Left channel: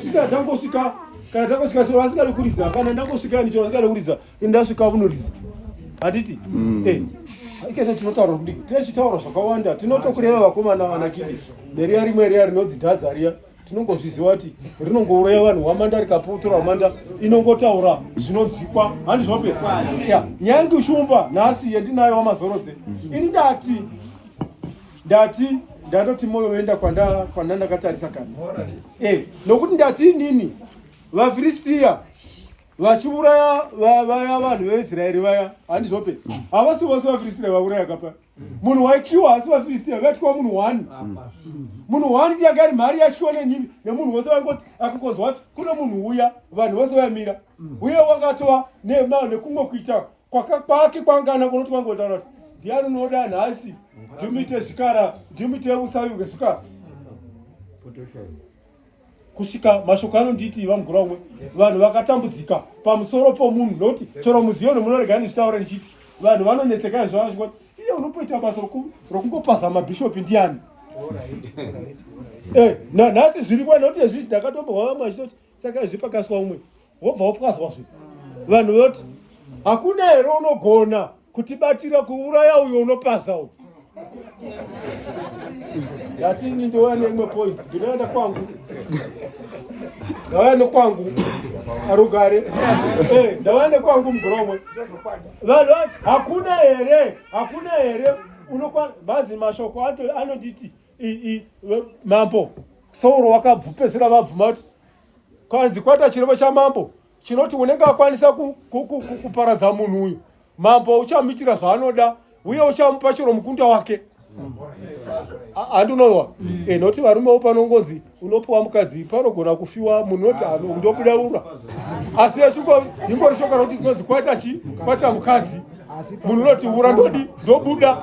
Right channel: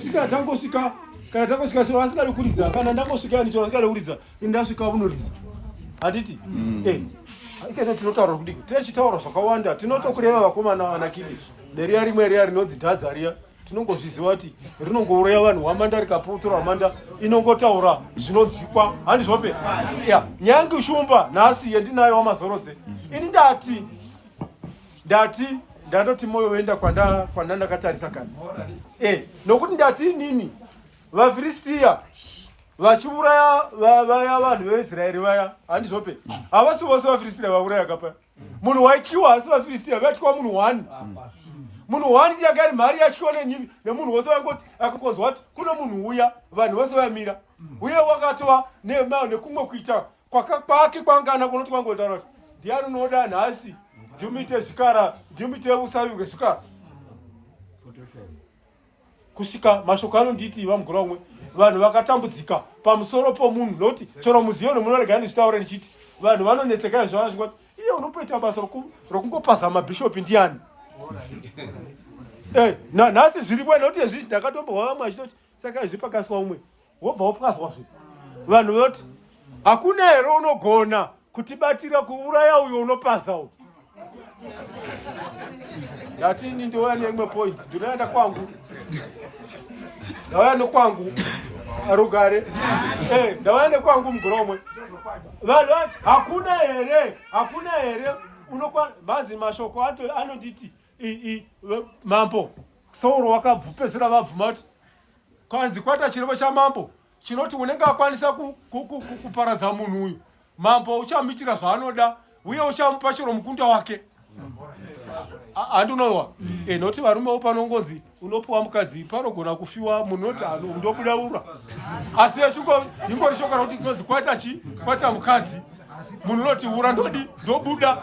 tika tangosvika kana tangosvika so vasingadi kuridza kana ndangosvika nicho vasingadi kuridza ndasvika unoridza handiti ikene tinotaura kudii tinechitaura zvakawanda tinotokureva vakomana vanakidi neriya rimwe riya rinodzidhadza riya tinongozviziva kuti rinongouraya vanhu wamanda rikaputura wamanda inongotaura zvinonzikwa handizvope nyange shumba nhasi yendinayo wamazorodze ini ndandoti moyo wenda kwandandakatarisa kare nokuti ndati nini vafiristia vachiuraya vaya vanhu veIsraeri vaya handizvope havasi vose vafiristia vauraya kapa munhu waityiwa asi vafiristia vaityiwa munhu 1 munhu 1 ndiye ari mhari yatyiwa nemunhu wose vangoti akungonzwa kuti kuno munhu uya vanhu vose vamira uye wakatova nekumwe kuita kwake kwangana kunoti kwangotaura kuti ndiani unoda nhasi ndimite zvikara ndimite usavi hwezvikara kusvika mashoko anonditi vamugura umwe vanhu vakatambudzika pamusoro pomunhu nokuti chero muzioni munorega nezvitaura nichiti vanhu vanonetseka zvavazvingoti iye unopoita basa rokungopaza mabhishopi ndiani nhasi zviripo nokuti ezvizvi ndakatombohwa vamwe achitoti saka izvi pakaswa umwe wobva wopwazwazve vanhu voti hakuna here unogona kutibatira kuuraya uyo unopaza uyu ndatini ndouya neimwe point ndinoenda kwangu ndauya nekwangu arugare ndauya nekwangu mugoromwe vanhu vati hakuna here vanzi mashoko anoditi mambo sauro wakabvupezera vabvuma kuti kwanzi kwata chirevo chamambo chinoti unenge akwanisa kuparadza munhu uyu mambo uchamuitira zvaanoda uye uchamupa chiro mukunda wake handinowa noti varumewo panongonzi unopiwa mukadzi panogona kufiwa munhu noti ndobudaura asi ingori shoko rakuti kunonzi kwata mukadzi munhu noti ura ndobuda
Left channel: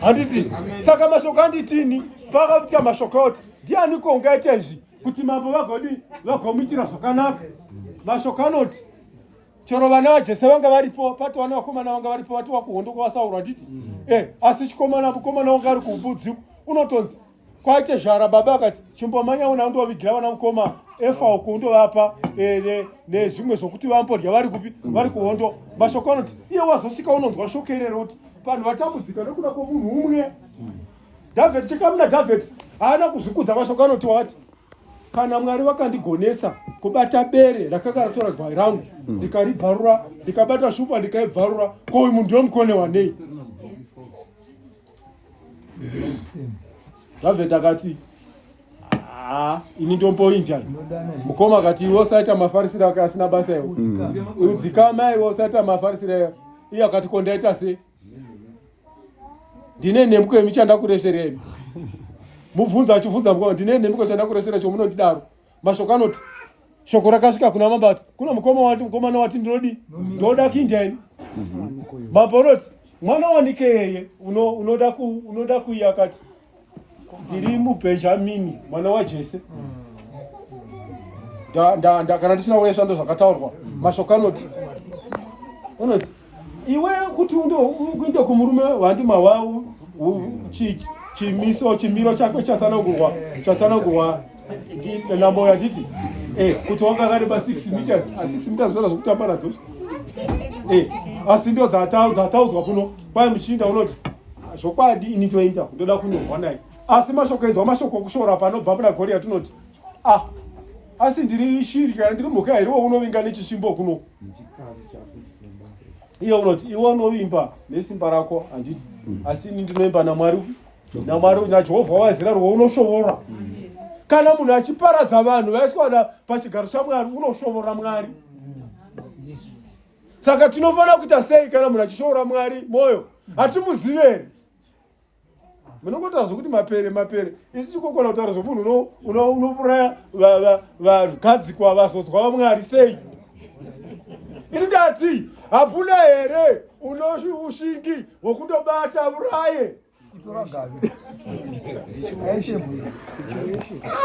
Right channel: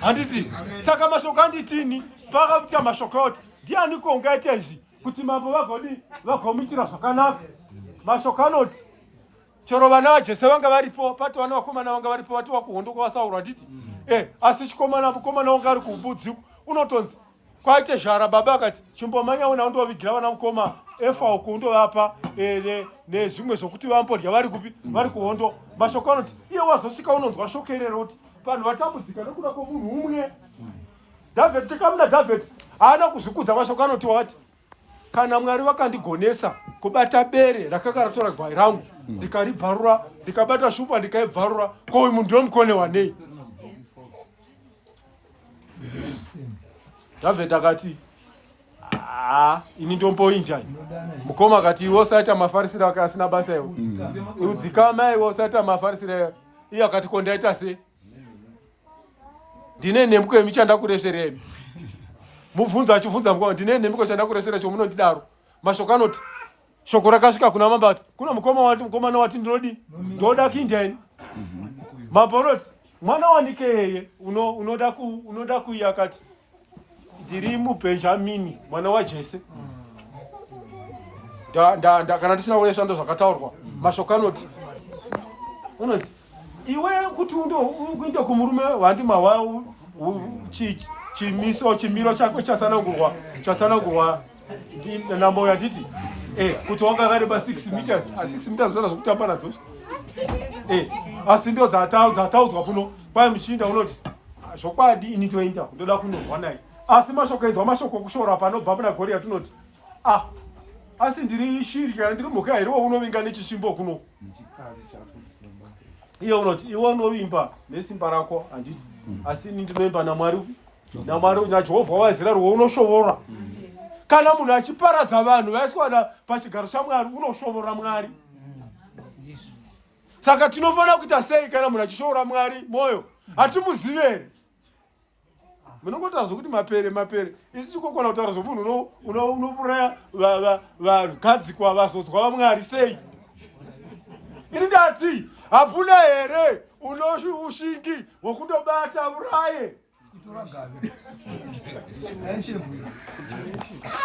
handiti saka mashoko anditini pakaita mashoko oti ndianiko ungaita izvi kuti mambo vagomuitira zvakanaka mashoko anoti chero vana vajese vanga varipo pati vana vakomana vanga varipo vati wakuhondo kwavasaurwa nditi asi mukomana wanga ari kubudzi unotonzi kwaite zhara baba akati chimbomanya una undovigira vana mukoma efa uku undovapa nezvimwe zvokuti vampodya vari kupi vari kuhondo mashoko anoti iye wazosvika unonzwa shoko irero kuti vanhu vatambudzika nekuda kwomunhu umwe dhavhidhi chekamuna dhavhidhi haana kuzvikudza mashoko anoti wati kana Mwari vakandigonesa kubata bere rakakaratora gwai rangu ndikaribvarura ndikabata shupa ndikaibvarura ko uyu munhu ndomukone wanei David akati ini ndomboinja mukoma akati iwe usaita mafarisira akasina basa iwe udzikama iwe usaita mafarisira iye akati kondaita se ndine nembuko yemichanda kureshereni mubvunza achibvunza mukoma ndine nembuko chanda kuresera chomunondidaro mashoko anoti shoko rakasvika kuna mambo ati kuna mukomana wati ndoda kuinja ini mambo anoti mwana wanike yeye unoda kuiya akati ndiri muBhenjamini mwana waJese kana ndisina kuresha ndo zvakataurwa mashoko anoti unoti iwe kuti uinde kumurume wandimahwa chimiro chako chasanangurwa nambo yatiti kuti wanga kareba 6 meters 6 meters zvoda zvokutamba nadzo asi ndo dzataudzwa kuno kwai muchinda unoti zvokwadi ini toenda ndoda kunorwa naye asi mashoko enzwa mashoko okushora panobva muna gori yatinoti asi ndiri shiri kana ndiri mhuka here unovinga nechisvimbo kuno iye unoti iwe unovimba nesimba rako handiti asi ini ndinoimba naMwari naJehovha waIsraeri unoshovora kana munhu achiparadza vanhu vaiswana pachigaro chaMwari unoshovora Mwari saka tinofanira kuita sei kana munhu achishovora Mwari moyo hatimuzivi here munongotaura zvokuti mapere isi chikokona kutaura zvomunhu unouraya vagadzikwa vazodzwa vaMwari sei ini ndati hapuna here ushingi hwekundobata uraye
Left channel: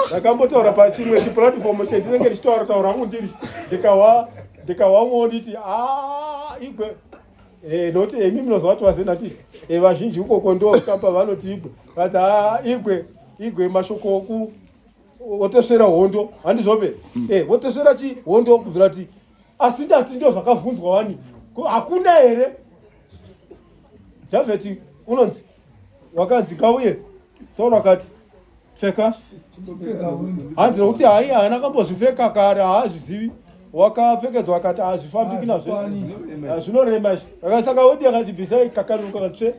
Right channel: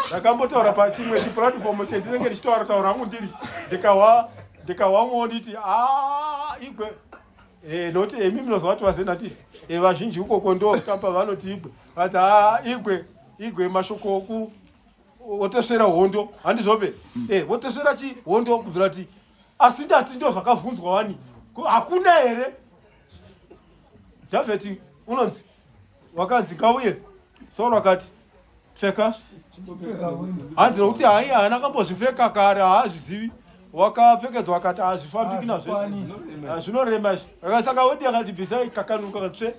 ndakambotaura pachimwe chipuratifomu chendinenge ndichitaura hangu ndiri ndikahwamwo nditi igwe noti emi munozva vati vazenatiti vazhinji ukoko ndo kamba vanoti igwe vati igwe mashoko wotesvera hondo handizope wotesvera hondo kubvira kuti asi ndati ndo zvakavhunzwa wani hakuna here Javeti unonzi wakanzi ngauye Sauro akati pfeka hanzi nokuti hai haana kambozvipfeka kare haazvizivi wakapfekedzwa akati hazvifambiki nazvo zvinorema akasaka odi akati bvisai kakanuka tsve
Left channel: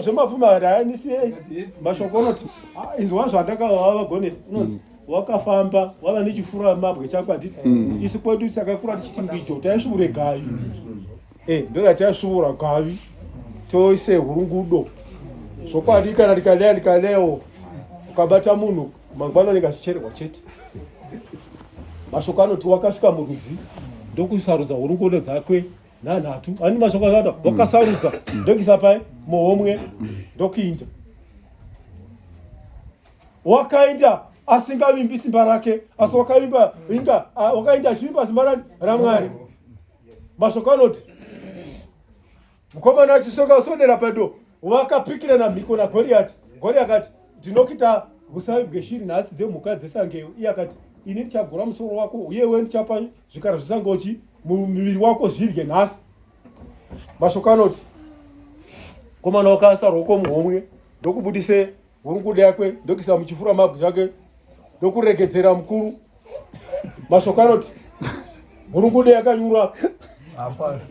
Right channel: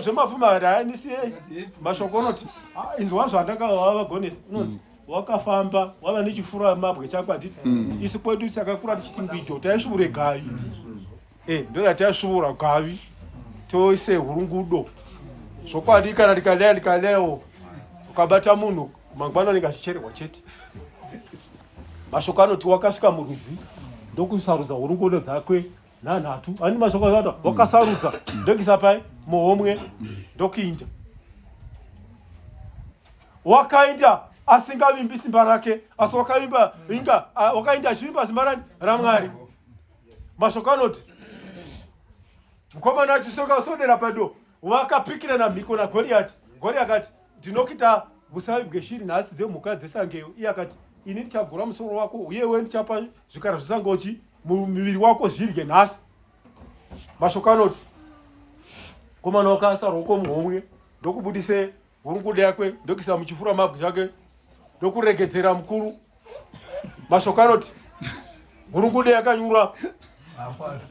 zvemafuma haanisiei mashoko anoti inzwa zvandakava vagonesi unonzi wakafamba wava nechifura mabwe chako handiti isi kwedu takakura tichiti ngwito taisvuure gavi ndora taisvuura gavi toise hurungudo zvokwadi kana ndikalewo ukabata munhu mangwanani ngachichererwa chete mashoko anoti wakasvika murwizi ndokusarudza hurungudo dzakwe nanhatu ani mashoko akati wakasarudza ndokisa pai muhomwe ndokuinda wakainda asingavimbi simba rake asi wakainda achivimba simba raMwari mashoko anoti mukomana achisoka usodera pado wakapikira namhiko naGoriati akati ndinokita busavibwe shiri nhasi dzemhuka dzesangeyo iye akati ini ndichagura musoro wako uyewe ndichapa zvikara zvesangochi muviri wako zvirye nhasi mashoko anoti komana wakaisa ruoko muhomwe ndokubudise hurungudo yakwe ndokisa muchifura mabwe chake ndokuregedzera mukuru mashoko anoti hurungudo yakanyura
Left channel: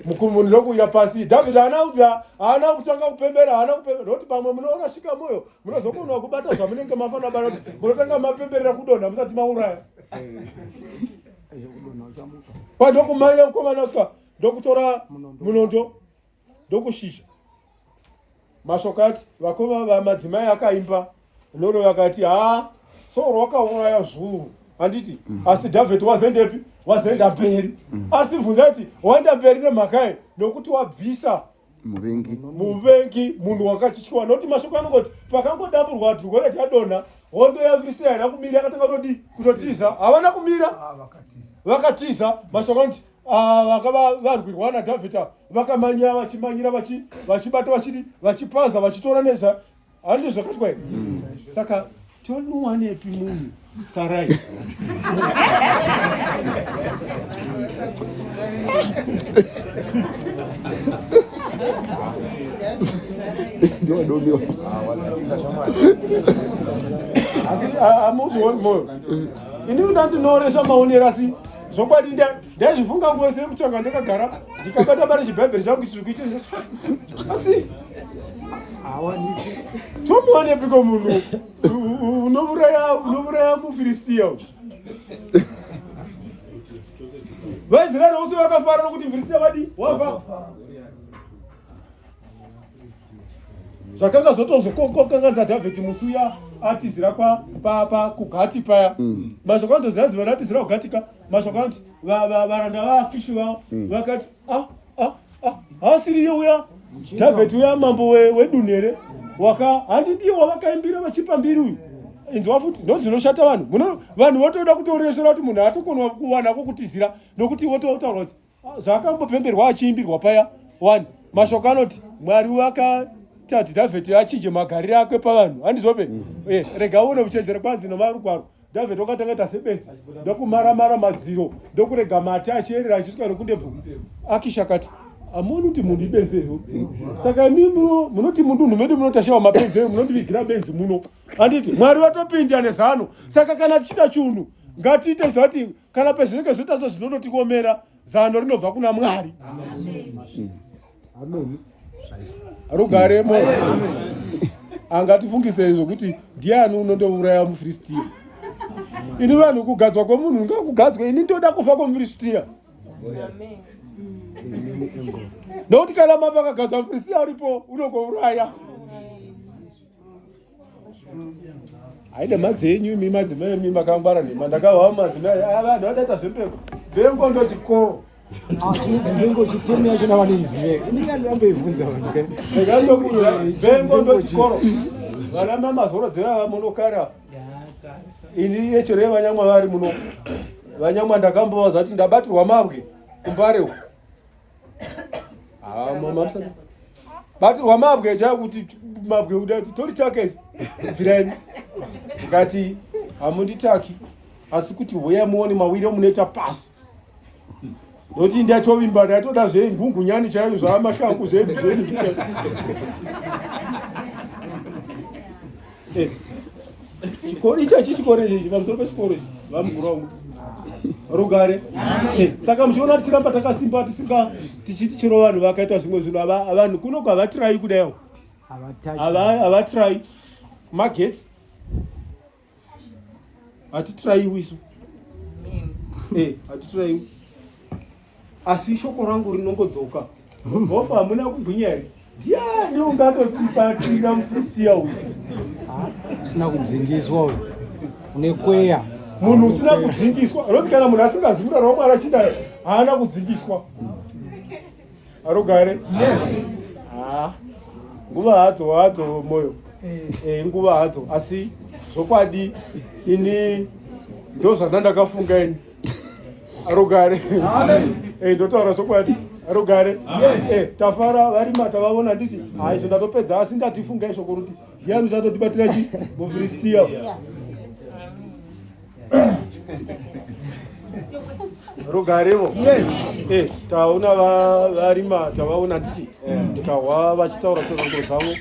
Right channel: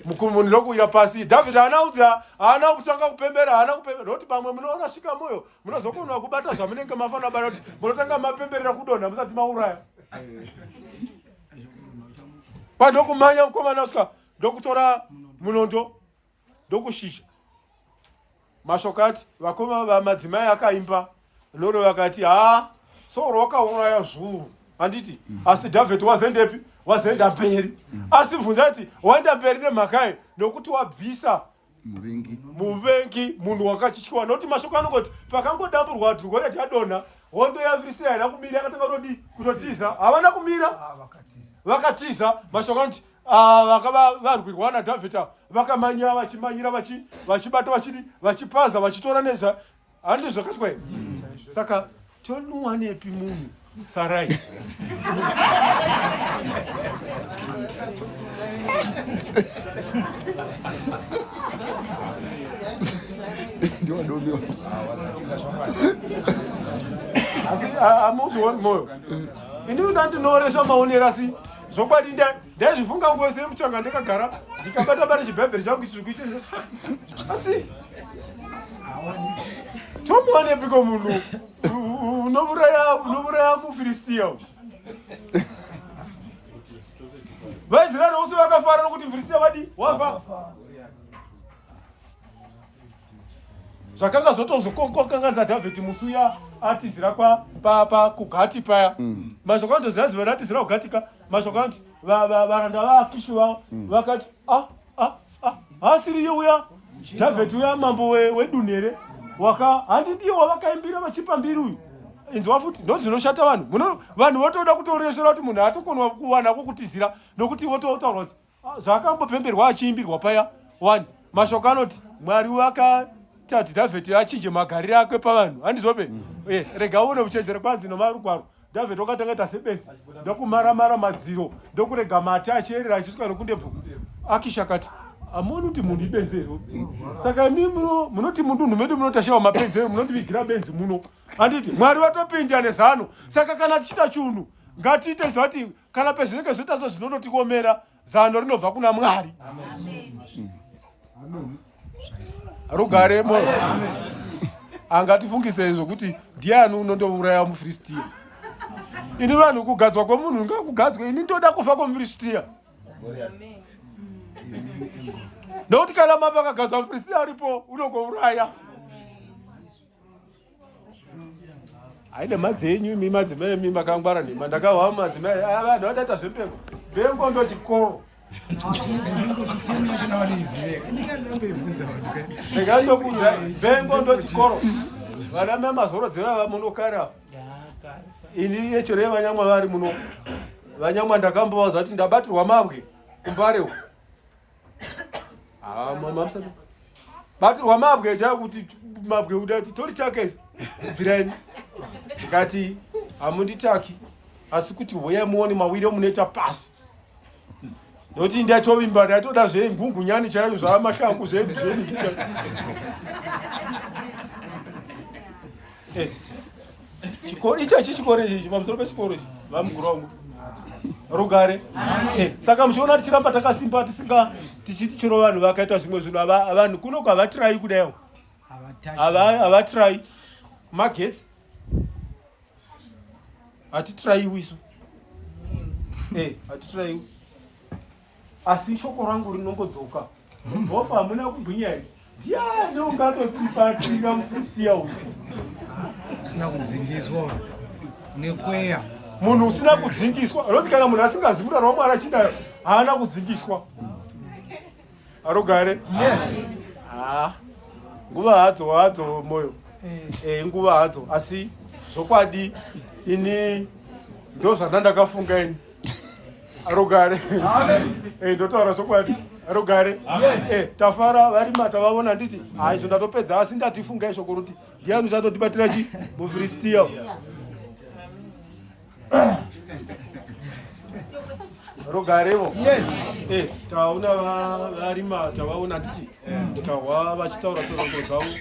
mukuru munhu ndokuwira pasi Dhavhidhi haana kutanga kupembera nokuti pamwe munorashika moyo munozokonwa kubata zvamunenge mafanira bata kuti munotanga mapemberera kudonha musati mauraya pandokumanya mukomana usika ndokutora munondo ndokushisha mashoko ati vakoma vamadzimai akaimba noro vakati Sauro wakauraya zviuru handiti asi Dhavhidhi wazendepi wazenda mberi asi bvunza kuti waenda mberi nemhakai nokuti wabvisa muvengi munhu wakachityiwa nokuti mashoko anongoti pakangodamburwa kuti Goriati adonha hondo yaFiristia haina kumira akatanga kutotiza havana kumira vakatiza mashoko anoti vakava varwirwa naDhavhidhi vakamanya vachimanyira vachibata vachipaza vachitora nezva handi zvakati kwai saka tonuwanepi munhu Sarai amuzvioni moyo ini ndandinoresva maonero asi zvokwadi ndaizvifunga ngose muchanga ndakagara ndikabata bari chibhebheri changu chikuite asi tomuwanepiko munhu unouraya muFiristia vaIsraeri vose vakafara nokuti muFiristia wafa zvakanga zvotozokanganisa Dhavhidhi musuya atizira kugati paya mashoko andoziva ratizira kugatika mashoko anoti varanda vaAkishi vakati asiriye uya Dhavhidhi uya mambo wedunhu here handi ndiye wavakaimbira vachipa mbiri uyu inzwa futi ndozvinoshata vanhu votoda kutoresvera kuti munhu atokonwa kuwana kwokutizira nokuti vototaura kuti zvakambopemberwa achiimbirwa paya 1 mashoko anoti Mwari wakati Dhavhidhi achinje magariro akwe pavanhu handizope rega uone kuchenjera kwanzi nomarugwaro Dhavhidhi wakatanga ita sebenzi ndokumaramara madziro ndokurega mate achierera achisvika nokundebvu Akishi akati amoni kuti munhu ibenzero saka imi munoti mundunhu medu munotashawa mapenzero munondivigira benzi muno handiti Mwari vatopinda nezano saka kana tichita chunhu ngatiite zvati kana pezvinenge zvoita sezvinonotikomera zano rinobva kuna Mwari rugare moyo angatifungise izvo kuti ndiani unondouraya muFiristia ini vanhu kugadzwa kwemunhu ngakugadzwe ini ndoda kufa kwomuFiristia nokuti kana mapa akagadzwa muFiristia aripo unogouraya haine madzenyu imi madzimai imi makangwara nema ndakahwa madzimai vanhu vadaita zvepeko vengo ndo chikoro vengo ndo chikoro vana mamazoro dzevava munokara ini echero yevanyamwa vari muno vanyamwa ndakambova kuti ndabatirwa mabwe kumbarewo batirwa mabwe chakuti mabwe udati tori take vireni ngati amunditaki asi kuti hoya muone mawiri munoita pasi noti ndatovimba ndatoda zvengungunyani chaiyo zvamashangu zvedu zvedu chikoro ichachi chikoro ichi pamusoro pechikoro ichi vamugurwangu rugare saka muchiona tichiramba takasimba tichiti chero vanhu vakaita zvimwe zvinhu vanhu kuno kwavatirai kudaiwo havatirai magetsi hatitiraiwi isu hatitiraiwi asi shoko rangu rinongodzoka hofa hamuna kugwinya here ndiani ungandotipatinga mufristiya uyu usina kudzingiswa nekweya munhu usina kudzingiswa roti kana munhu asingazivi kuti romwari achida haana kudzingiswa arogare nguva hadzo moyo nguva hadzo asi zvokwadi ini ndo zvandandakafunga ini arogare ndotaura zvokwadi arogare tafara varima tavaona nditi haizvo ndatopedza asi ndatifunga ishoko kuti ndiani uchatotibatira chi mufristiya rogarevo tauna varima tavaona nditi tikahwa vachitaura tsorongo dzavo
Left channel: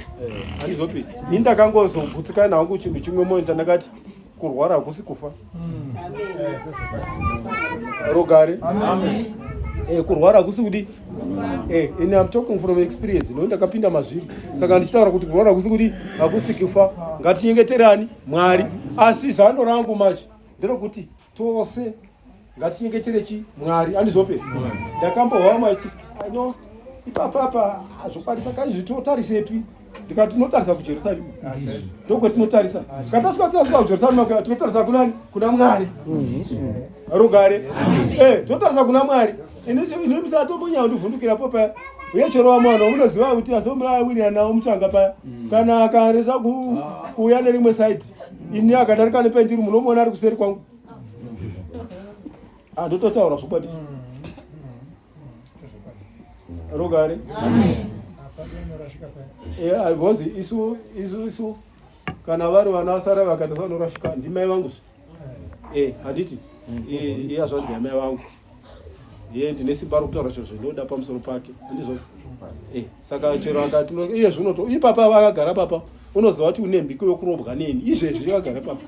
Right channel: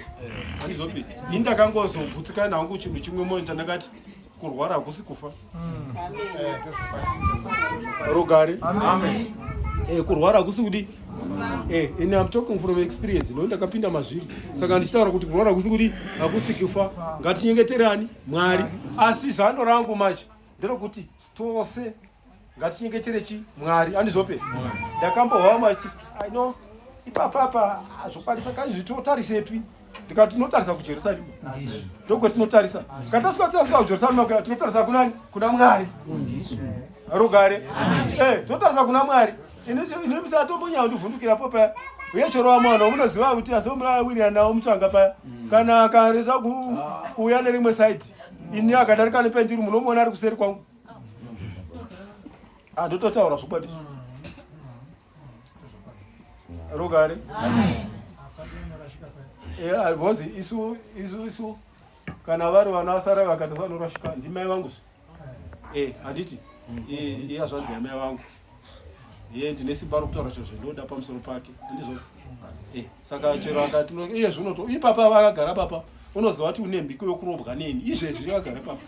handizopi ini ndakangozobvutsika nangu chinhu chimwe moyo chandakati kurwara hakusi kufa rogare kurwara hakusi kudi ini am talking from experience no ndakapinda mazviri saka ndichitaura kuti kurwara hakusi kudi hakusi kufa ngatinyengeterani mwari asi zano rangu macho nderokuti tose ngatinyengetere chi mwari handizope ndakambohwa machi ano ipapapa zvokwanisa kazvitotarisepi ndikati tinotarisa kujerusarema ndokwetinotarisa katasvika kujerusarema tinotarisa kunani kuna mwari rugare tinotarisa kuna mwari ini misatombonyaa ndivhundukirapo paya uye chero vamwana munoziva kuti asomuawirira nawo mutsvanga paya kana akaresa kuuya nerimwe saiti ini akadarika nependiri munomuona ari kuseri kwangu ndototaura zvokwadisi rogare because isu kana vari vana vasara vakati vanorasvika ndimai vangu handiti hazvanzi yamai vangu ndine simba rokutaura chiro zvinoda pamusoro pake ndizvo saka chero akati iye zvinoto ipapa vakagara papa unoziva kuti une mbiko yokurobwa neni izvezvi vakagara papa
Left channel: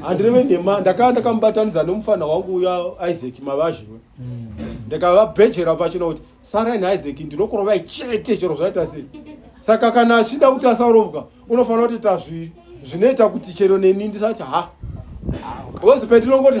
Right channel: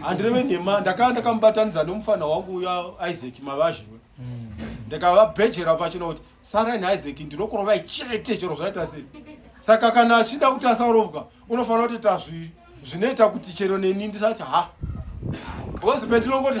handireve nhema ndakambatanidza nomufana wangu uya Isaac mavazhiwe ndikavabhejera pachino kuti sarai naIsaac ndinokurovai chete chero zvaita sei saka kana achida kuti asarobwa unofanira kutoita zvinoita kuti chero neni ndisati because pendinongoti